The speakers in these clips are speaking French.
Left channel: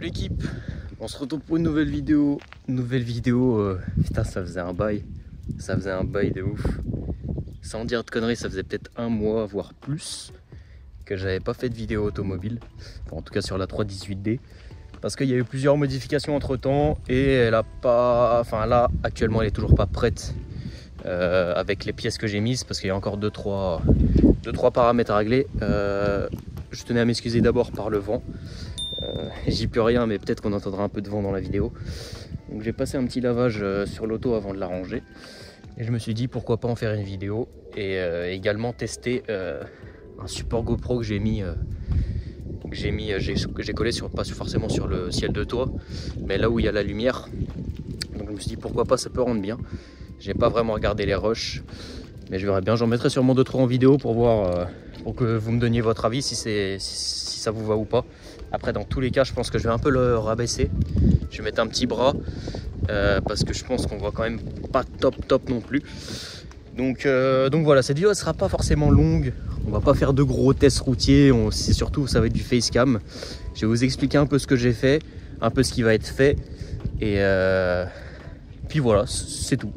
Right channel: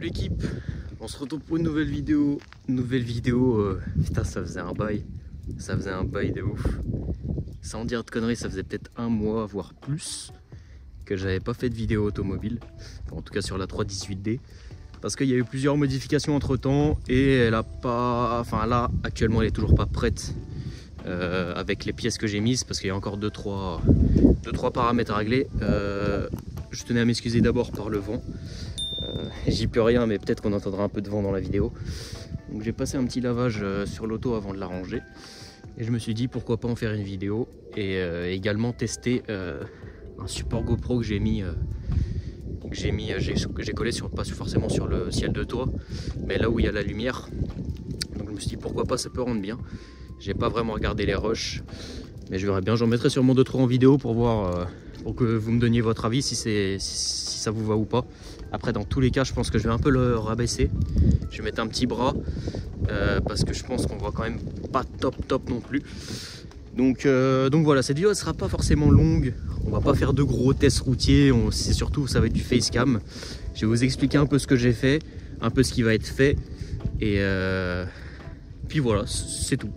l'équipe, on se retrouve pour une nouvelle vidéo. Putain, ça faisait un bail de ouf. Sans dire de conneries, ça faisait peut-être un mois, voire plus, que j'avais pas fait de vidéo automobile. Enfin, en tout cas sur la 318D. Parce qu'il y a eu plusieurs modifications entre temps et elle a pas... Enfin là, actuellement, elle est toujours pas prête avec les pièces que j'ai mises parce qu'il y a encore 2-3 paramètres à régler. Je tenais à m'excuser d'abord par le vent. J'y peux rien, mais peut-être qu'on entendra un peu de vent dans la vidéo. Donc j'ai passé un petit lavage sur l'auto avant de la ranger. Et je me suis dit pourquoi pas en faire une vidéo et également tester un support GoPro que j'ai collé sur, pas forcément sur le ciel de toit, mais là où il y a la lumière. Donc je me suis dit pourquoi pas, ça peut rendre bien. J'ai pas vraiment regardé les rushs, mais je verrai bien. J'en mettrai sûrement 2-3 en vidéo pour voir, pour que vous me donniez votre avis si ça vous va ou pas. Après, dans tous les cas, je pense que je vais un peu le rabaisser. Je vais mettre un petit bras parce que je pense qu'on voit quand même pas top non plus. Donc voilà, cette vidéo ne sera pas forcément longue. On va pas faire de gros tests routiers. C'est surtout, ça va être du facecam. Je vais vous expliquer un peu ce que j'ai fait, un peu ce qui va être fait. Et puis voilà, c'est tout.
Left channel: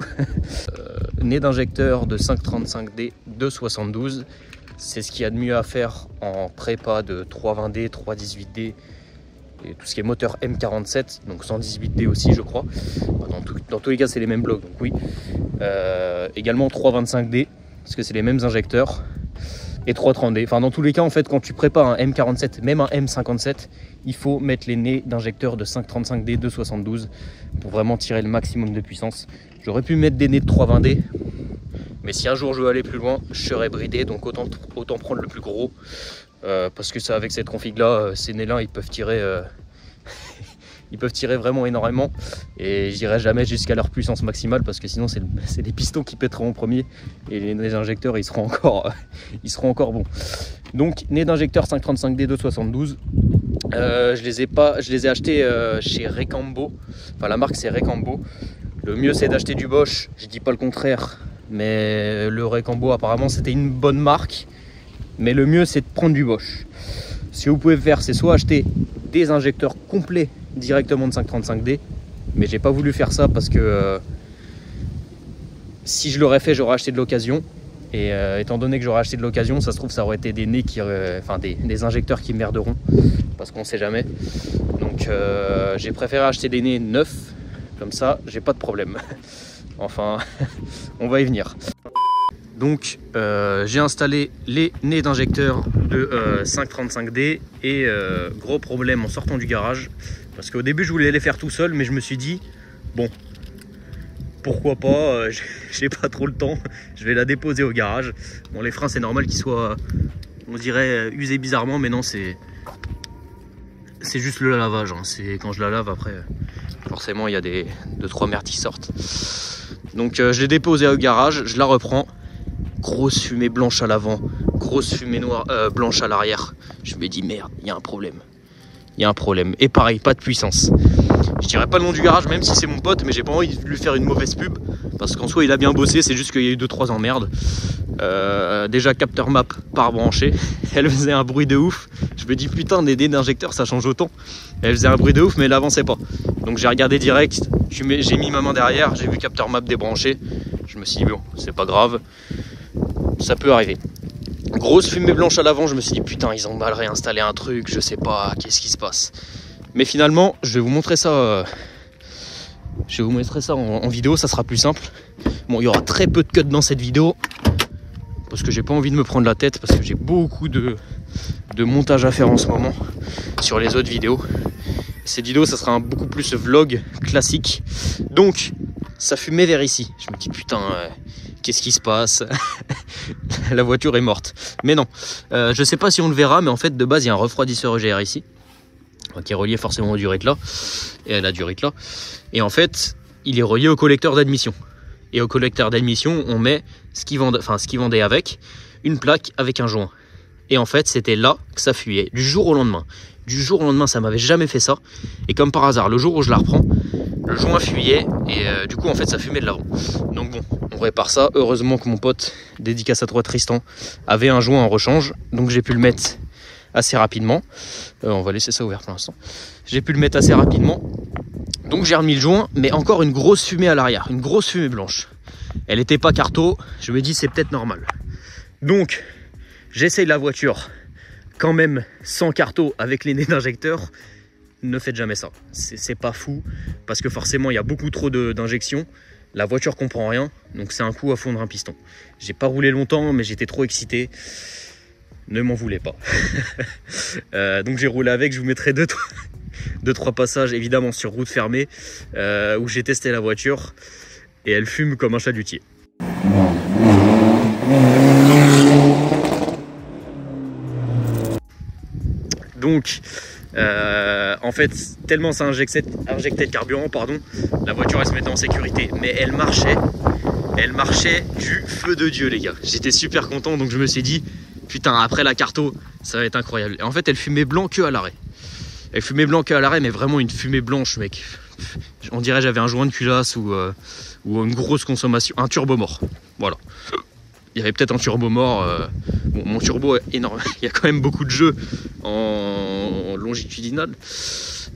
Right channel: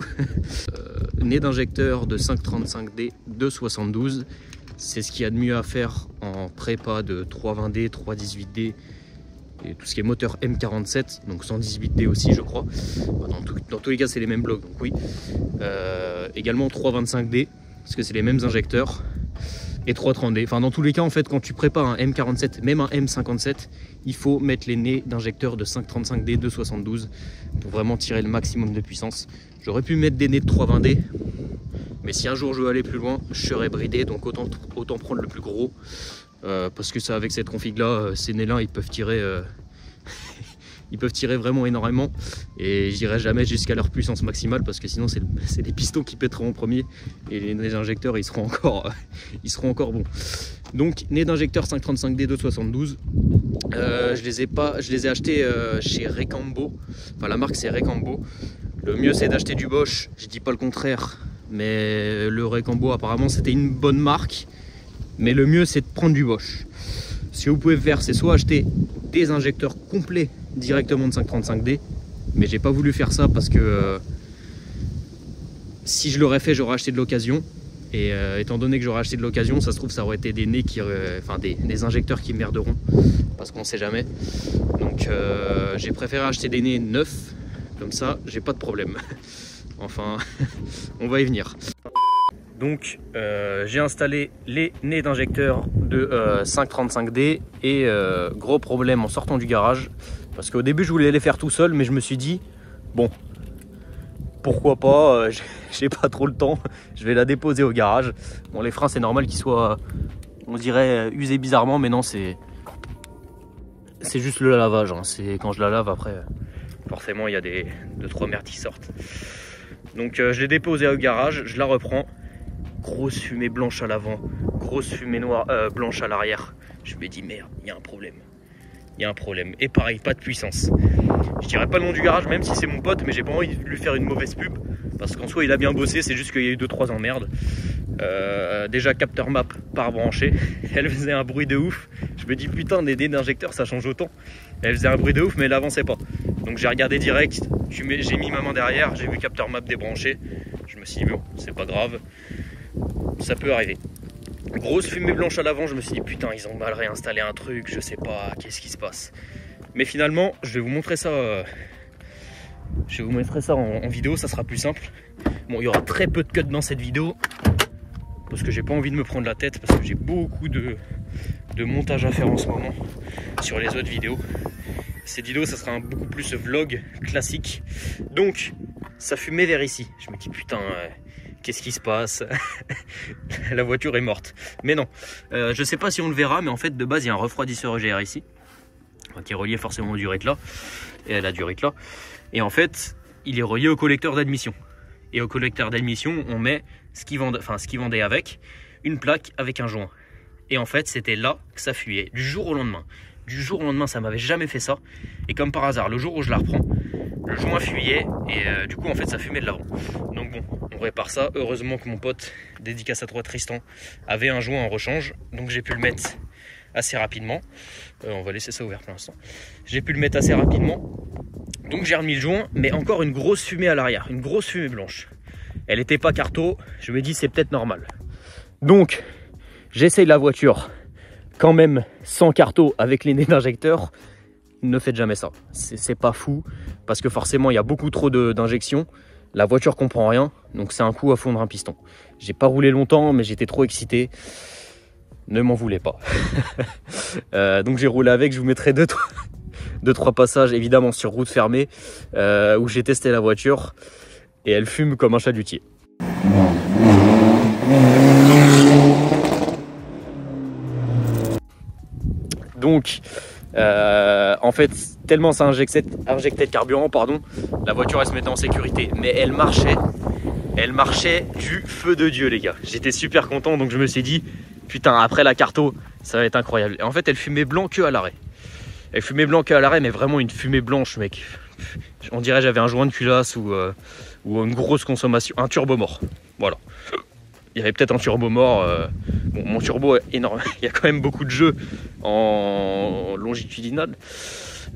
Nez d'injecteur de 535D 272. C'est ce qu'il y a de mieux à faire en prépa de 320D, 318D et tout ce qui est moteur M47, donc 118D aussi je crois. Dans tous les cas c'est les mêmes blocs, donc oui. Également 325D, parce que c'est les mêmes injecteurs, et 330D. Enfin dans tous les cas en fait quand tu prépares un M47, même un M57, il faut mettre les nez d'injecteur de 535D 272 pour vraiment tirer le maximum de puissance. J'aurais pu mettre des nez de 320D. Mais si un jour je veux aller plus loin, je serai bridé, donc autant prendre le plus gros. Parce que ça, avec cette config là, ces nez là ils peuvent tirer ils peuvent tirer vraiment énormément. Et j'irai jamais jusqu'à leur puissance maximale parce que sinon c'est les pistons qui pèteront en premier. Et les injecteurs ils seront encore bons. Donc nez d'injecteur 535D 272. Je les ai achetés chez Recambo. Enfin la marque c'est Recambo. Le mieux c'est d'acheter du Bosch, je dis pas le contraire. Mais le Recambo apparemment c'était une bonne marque. Mais le mieux c'est de prendre du Bosch. Ce que vous pouvez faire c'est soit acheter des injecteurs complets directement de 535D. Mais j'ai pas voulu faire ça parce que si je l'aurais fait j'aurais acheté de l'occasion. Et étant donné que j'aurais acheté de l'occasion, ça se trouve ça aurait été des nez des injecteurs qui merderont. Parce qu'on sait jamais. Donc j'ai préféré acheter des nez neufs. Comme ça j'ai pas de problème. Enfin, on va y venir. Donc, j'ai installé les nez d'injecteur de 535D et gros problème en sortant du garage. Parce qu'au début, je voulais les faire tout seul, mais je me suis dit, bon, pourquoi pas, j'ai pas trop le temps, je vais la déposer au garage. Bon, les freins, c'est normal qu'ils soient, on dirait, usés bizarrement, mais non, c'est juste le lavage. Hein. C'est quand je la lave après, forcément, il y a 2-3 merdes qui sortent. Donc je l'ai déposé au garage, je la reprends. Grosse fumée blanche à l'avant, grosse fumée noire, blanche à l'arrière. Je me dis merde, il y a un problème. Il y a un problème. Et pareil, pas de puissance. Je dirais pas le nom du garage même si c'est mon pote, mais j'ai pas envie de lui faire une mauvaise pub. Parce qu'en soi il a bien bossé, c'est juste qu'il y a eu 2-3 emmerdes. Déjà capteur map pas rebranché. Elle faisait un bruit de ouf. Je me dis putain, des nez d'injecteur ça change autant. Elle faisait un bruit de ouf mais elle avançait pas. Donc j'ai regardé direct, j'ai mis ma main derrière, j'ai vu capteur map débranché. Je me suis dit bon, c'est pas grave, ça peut arriver. Grosse fumée blanche à l'avant, je me suis dit putain ils ont mal réinstallé un truc, je sais pas, qu'est-ce qui se passe. Mais finalement je vais vous montrer ça. En vidéo, ça sera plus simple. Bon, il y aura très peu de cuts dans cette vidéo. Parce que j'ai pas envie de me prendre la tête. Parce que j'ai beaucoup de montage à faire en ce moment. Sur les autres vidéos. Cette vidéo, ça sera beaucoup plus vlog classique. Donc, ça fumait vers ici. Je me dis putain, qu'est-ce qui se passe? La voiture est morte. Mais non, je sais pas si on le verra. Mais en fait, de base, il y a un refroidisseur EGR ici. Qui est relié forcément au Duritla. Et à la Duritla. Et en fait, il est relié au collecteur d'admission. Et au collecteur d'admission, on met ce qu'ils vendaient avec, une plaque avec un joint. Et en fait, c'était là que ça fuyait, du jour au lendemain. Du jour au lendemain, ça m'avait jamais fait ça. Et comme par hasard, le jour où je la reprends, le joint fuyait. Et du coup, en fait, ça fumait de l'avant. Donc bon, on répare ça. Heureusement que mon pote, dédicace à toi Tristan, avait un joint en rechange. Donc j'ai pu le mettre assez rapidement. On va laisser ça ouvert pour l'instant. J'ai pu le mettre assez rapidement. Donc j'ai remis le joint, mais encore une grosse fumée à l'arrière, une grosse fumée blanche. Elle n'était pas carto, je me dis c'est peut-être normal. Donc j'essaye la voiture quand même sans carto avec les nez d'injecteur. Ne faites jamais ça, c'est pas fou, parce que forcément il y a beaucoup trop d'injections. La voiture comprend rien, donc c'est un coup à fondre un piston. J'ai pas roulé longtemps, mais j'étais trop excité. Ne m'en voulez pas. Donc j'ai roulé avec, je vous mettrai deux, trois passages évidemment sur route fermée où j'ai testé la voiture et elle fume comme un chalutier. Donc en fait tellement ça injectait le carburant, pardon, la voiture elle se mettait en sécurité, mais elle marchait du feu de Dieu les gars. J'étais super content, donc je me suis dit putain, après la carto ça va être incroyable. Et en fait elle fumait blanc que à l'arrêt. Elle fumait blanc qu'à l'arrêt, mais vraiment une fumée blanche, mec. On dirait j'avais un joint de culasse ou une grosse consommation, un turbo mort. Voilà. Il y avait peut-être un turbo mort. Bon, mon turbo est énorme. Il y a quand même beaucoup de jeux en longitudinal.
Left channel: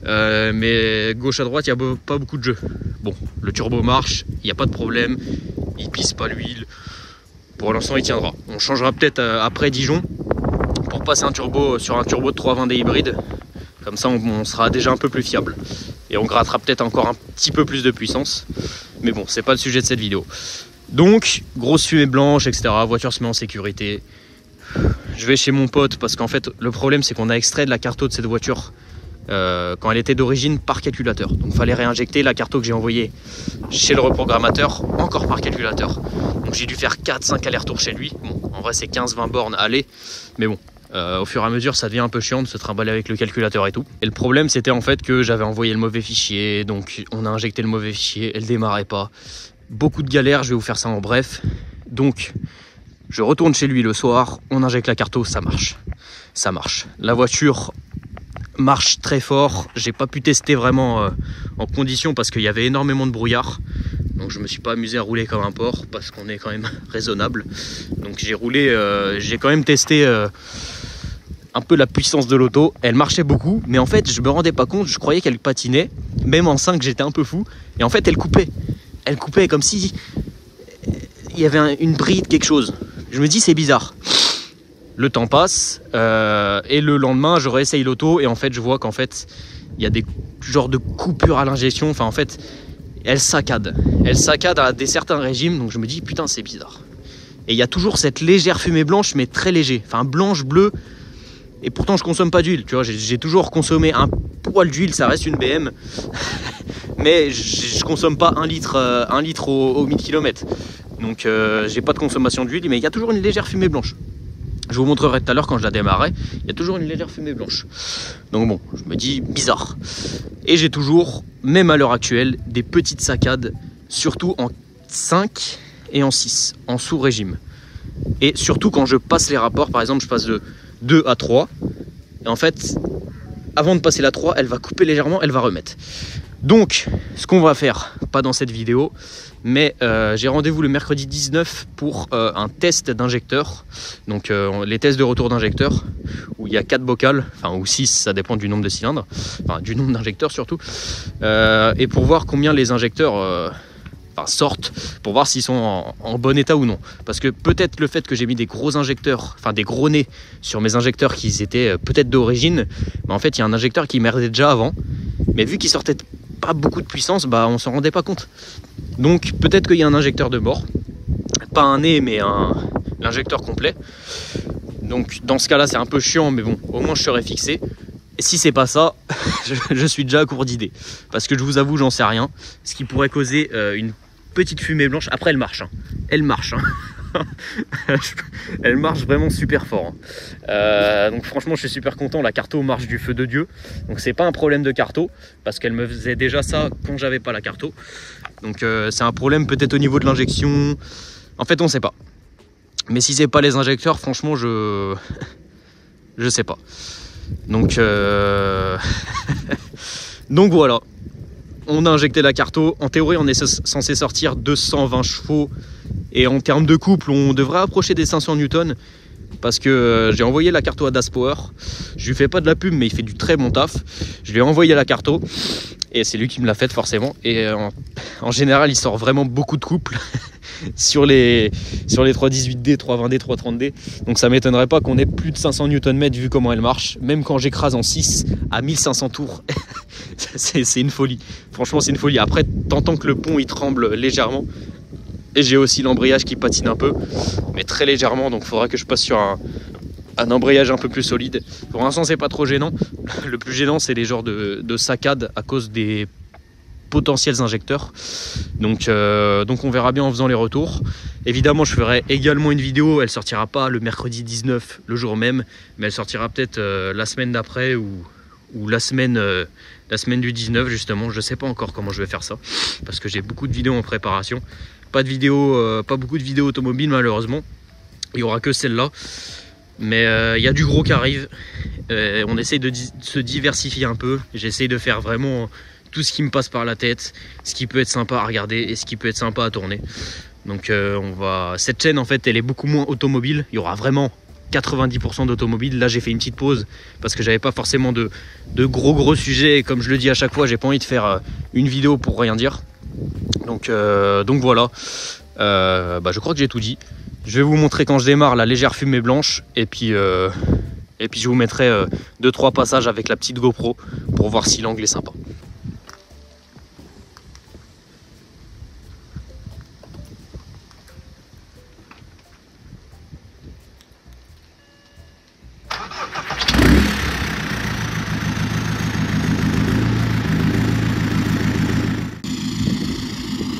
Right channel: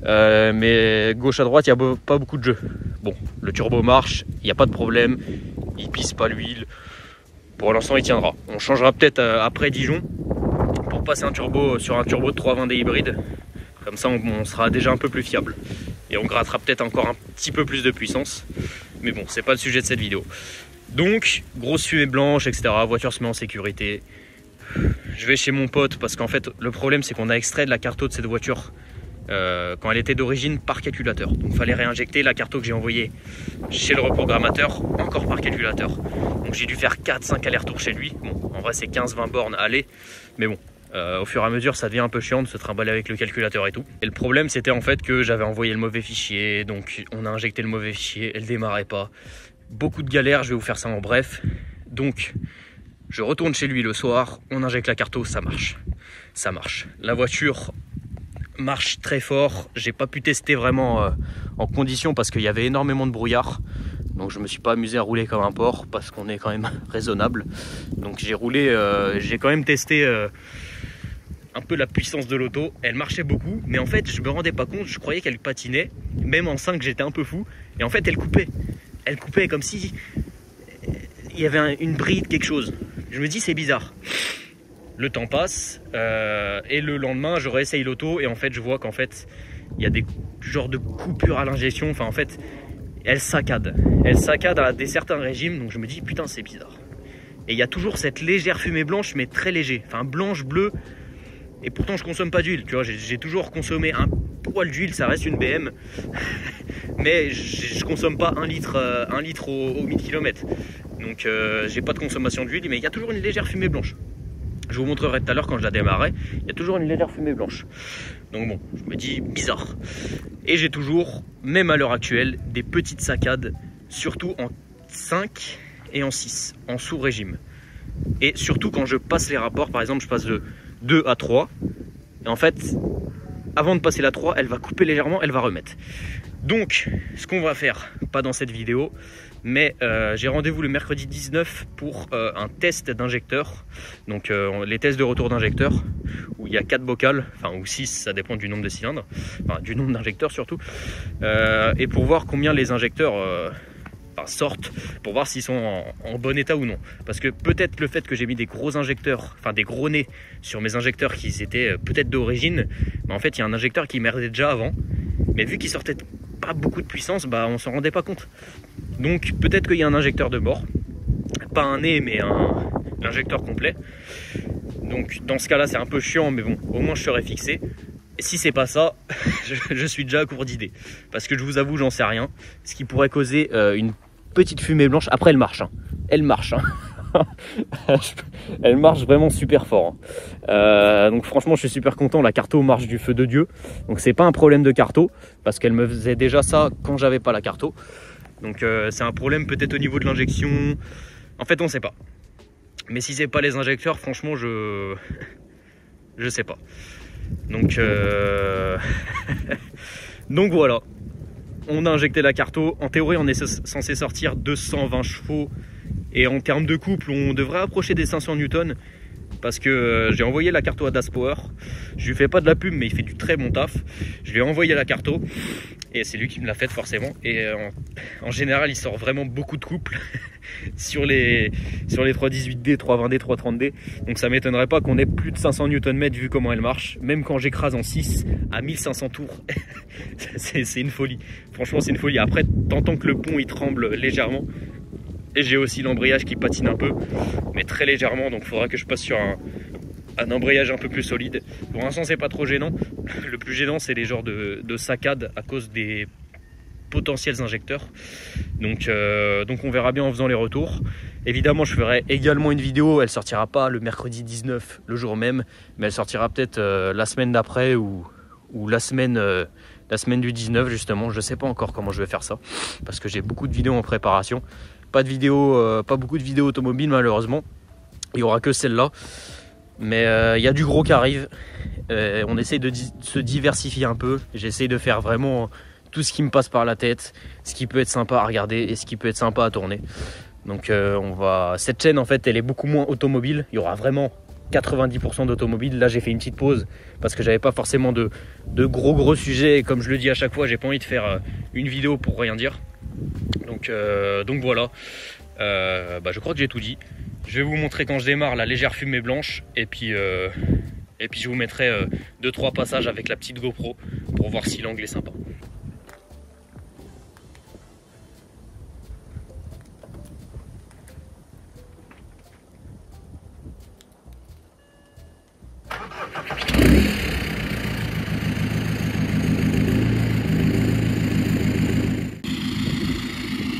Mais gauche à droite, il n'y a pas beaucoup de jeux. Bon, le turbo marche, il n'y a pas de problème. Il pisse pas l'huile. Pour l'instant, il tiendra. On changera peut-être après Dijon pour passer sur un turbo de 320D hybride. Comme ça, on sera déjà un peu plus fiable. Et on grattera peut-être encore un petit peu plus de puissance. Mais bon, c'est pas le sujet de cette vidéo. Donc, grosse fumée blanche, etc. La voiture se met en sécurité. Je vais chez mon pote parce qu'en fait, le problème, c'est qu'on a extrait de la carto de cette voiture quand elle était d'origine par calculateur. Donc, il fallait réinjecter la carto que j'ai envoyée chez le reprogrammateur, encore par calculateur. Donc, j'ai dû faire 4-5 allers-retours chez lui. Bon, en vrai, c'est 15-20 bornes aller. Mais bon. Au fur et à mesure ça devient un peu chiant de se trimballer avec le calculateur et tout. Et le problème c'était en fait que j'avais envoyé le mauvais fichier, donc on a injecté le mauvais fichier, elle démarrait pas. Beaucoup de galères, je vais vous faire ça en bref. Donc je retourne chez lui le soir, on injecte la carto, ça marche. Ça marche. La voiture marche très fort. J'ai pas pu tester vraiment en condition parce qu'il y avait énormément de brouillard. Donc je me suis pas amusé à rouler comme un porc parce qu'on est quand même raisonnable. Donc j'ai roulé, j'ai quand même testé un peu la puissance de l'auto. Elle marchait beaucoup, mais en fait je me rendais pas compte, je croyais qu'elle patinait. Même en 5 j'étais un peu fou. Et en fait elle coupait. Elle coupait comme si il y avait une bride, quelque chose. Je me dis c'est bizarre. Le temps passe et le lendemain je réessaye l'auto et en fait je vois qu'en fait il y a des genres de coupures à l'injection. Enfin en fait elle saccade à certains régimes, donc je me dis putain c'est bizarre. Et il y a toujours cette légère fumée blanche mais très léger, enfin blanche, bleue. Et pourtant je consomme pas d'huile, tu vois, j'ai toujours consommé un poil d'huile, ça reste une BM. Mais je consomme pas 1 litre au 1000 km. Donc j'ai pas de consommation d'huile, mais il y a toujours une légère fumée blanche. Je vous montrerai tout à l'heure quand je la démarrais, il y a toujours une légère fumée blanche. Donc bon, je me dis bizarre. Et j'ai toujours, même à l'heure actuelle, des petites saccades, surtout en 5 et en 6, en sous-régime. Et surtout quand je passe les rapports, par exemple je passe de 2 à 3, et en fait, avant de passer la 3, elle va couper légèrement, elle va remettre. Donc, ce qu'on va faire, pas dans cette vidéo, mais j'ai rendez-vous le mercredi 19 pour un test d'injecteur. Donc les tests de retour d'injecteur, où il y a 4 bocales, enfin ou 6, ça dépend du nombre de cylindres, enfin du nombre d'injecteurs surtout. Et pour voir combien les injecteurs sortent, pour voir s'ils sont en bon état ou non. Parce que peut-être le fait que j'ai mis des gros injecteurs, enfin des gros nez sur mes injecteurs qui étaient peut-être d'origine, mais en fait il y a un injecteur qui merdait déjà avant, mais vu qu'il sortait pas beaucoup de puissance, bah on s'en rendait pas compte. Donc peut-être qu'il y a un injecteur de bord, pas un nez mais l'injecteur complet. Donc dans ce cas là c'est un peu chiant, mais bon au moins je serai fixé. Et si c'est pas ça, je suis déjà à court d'idées, parce que je vous avoue j'en sais rien. Ce qui pourrait causer une petite fumée blanche. Après elle marche, hein. Elle marche, hein. Elle marche vraiment super fort, hein. Donc franchement je suis super content. La carto marche du feu de Dieu, donc c'est pas un problème de carto, parce qu'elle me faisait déjà ça quand j'avais pas la carto. Donc c'est un problème peut-être au niveau de l'injection, en fait on sait pas. Mais si c'est pas les injecteurs, franchement je sais pas. Donc donc voilà, on a injecté la carto. En théorie on est censé sortir 220 chevaux, et en termes de couple on devrait approcher des 500 Newton. parce que j'ai envoyé la carto à Das Power. Je lui fais pas de la pub, mais il fait du très bon taf. Je lui ai envoyé la carto et c'est lui qui me l'a faite forcément. Et en général, il sort vraiment beaucoup de couples sur les 318D, 320D, 330D. Donc ça m'étonnerait pas qu'on ait plus de 500 Nm vu comment elle marche. Même quand j'écrase en 6 à 1500 tours, c'est une folie. Franchement, c'est une folie. Après, t'entends que le pont il tremble légèrement. Et j'ai aussi l'embrayage qui patine un peu, mais très légèrement. Donc il faudra que je passe sur un embrayage un peu plus solide. Pour l'instant, c'est pas trop gênant. Le plus gênant, c'est les genres de saccades à cause des potentiels injecteurs. Donc on verra bien en faisant les retours. Évidemment, je ferai également une vidéo. Elle sortira pas le mercredi 19, le jour même, mais elle sortira peut-être la semaine d'après ou la semaine du 19 justement. Je sais pas encore comment je vais faire ça parce que j'ai beaucoup de vidéos en préparation. Pas beaucoup de vidéos automobiles malheureusement. Il y aura que celle-là. Mais il y a du gros qui arrive. On essaye de se diversifier un peu. J'essaye de faire vraiment tout ce qui me passe par la tête, ce qui peut être sympa à regarder et ce qui peut être sympa à tourner. Donc cette chaîne en fait, elle est beaucoup moins automobile. Il y aura vraiment 90% d'automobile. Là, j'ai fait une petite pause parce que j'avais pas forcément de gros sujets. Et comme je le dis à chaque fois, j'ai pas envie de faire une vidéo pour rien dire. Donc voilà. Je crois que j'ai tout dit. Je vais vous montrer quand je démarre la légère fumée blanche et puis je vous mettrai 2-3 passages avec la petite GoPro pour voir si l'angle est sympa.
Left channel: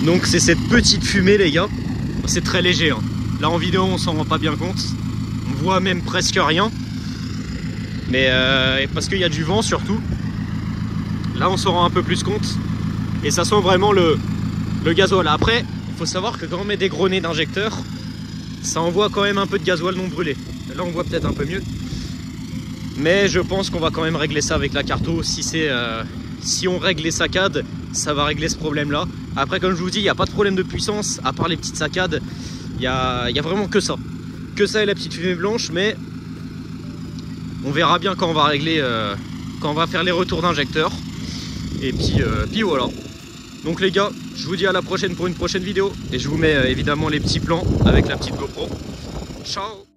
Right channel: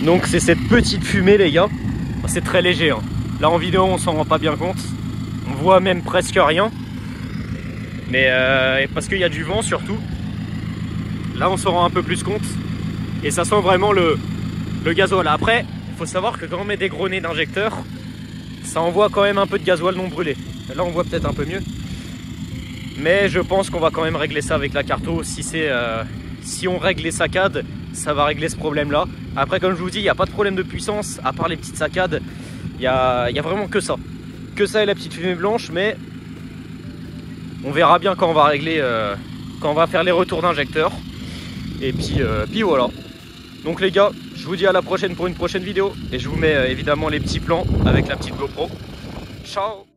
Donc c'est cette petite fumée les gars, c'est très léger hein. Là en vidéo on s'en rend pas bien compte, on voit même presque rien. Mais parce qu'il y a du vent surtout. Là on s'en rend un peu plus compte. Et ça sent vraiment le gasoil. Après, il faut savoir que quand on met des gros nez d'injecteur, ça envoie quand même un peu de gasoil non brûlé. Là on voit peut-être un peu mieux. Mais je pense qu'on va quand même régler ça avec la carto. Si on règle les saccades, ça va régler ce problème là. Après comme je vous dis, il n'y a pas de problème de puissance. À part les petites saccades, il y a vraiment que ça. Que ça et la petite fumée blanche. Mais on verra bien quand on va régler, quand on va faire les retours d'injecteur. Et puis voilà. Donc les gars, je vous dis à la prochaine pour une prochaine vidéo. Et je vous mets évidemment les petits plans avec la petite GoPro. Ciao!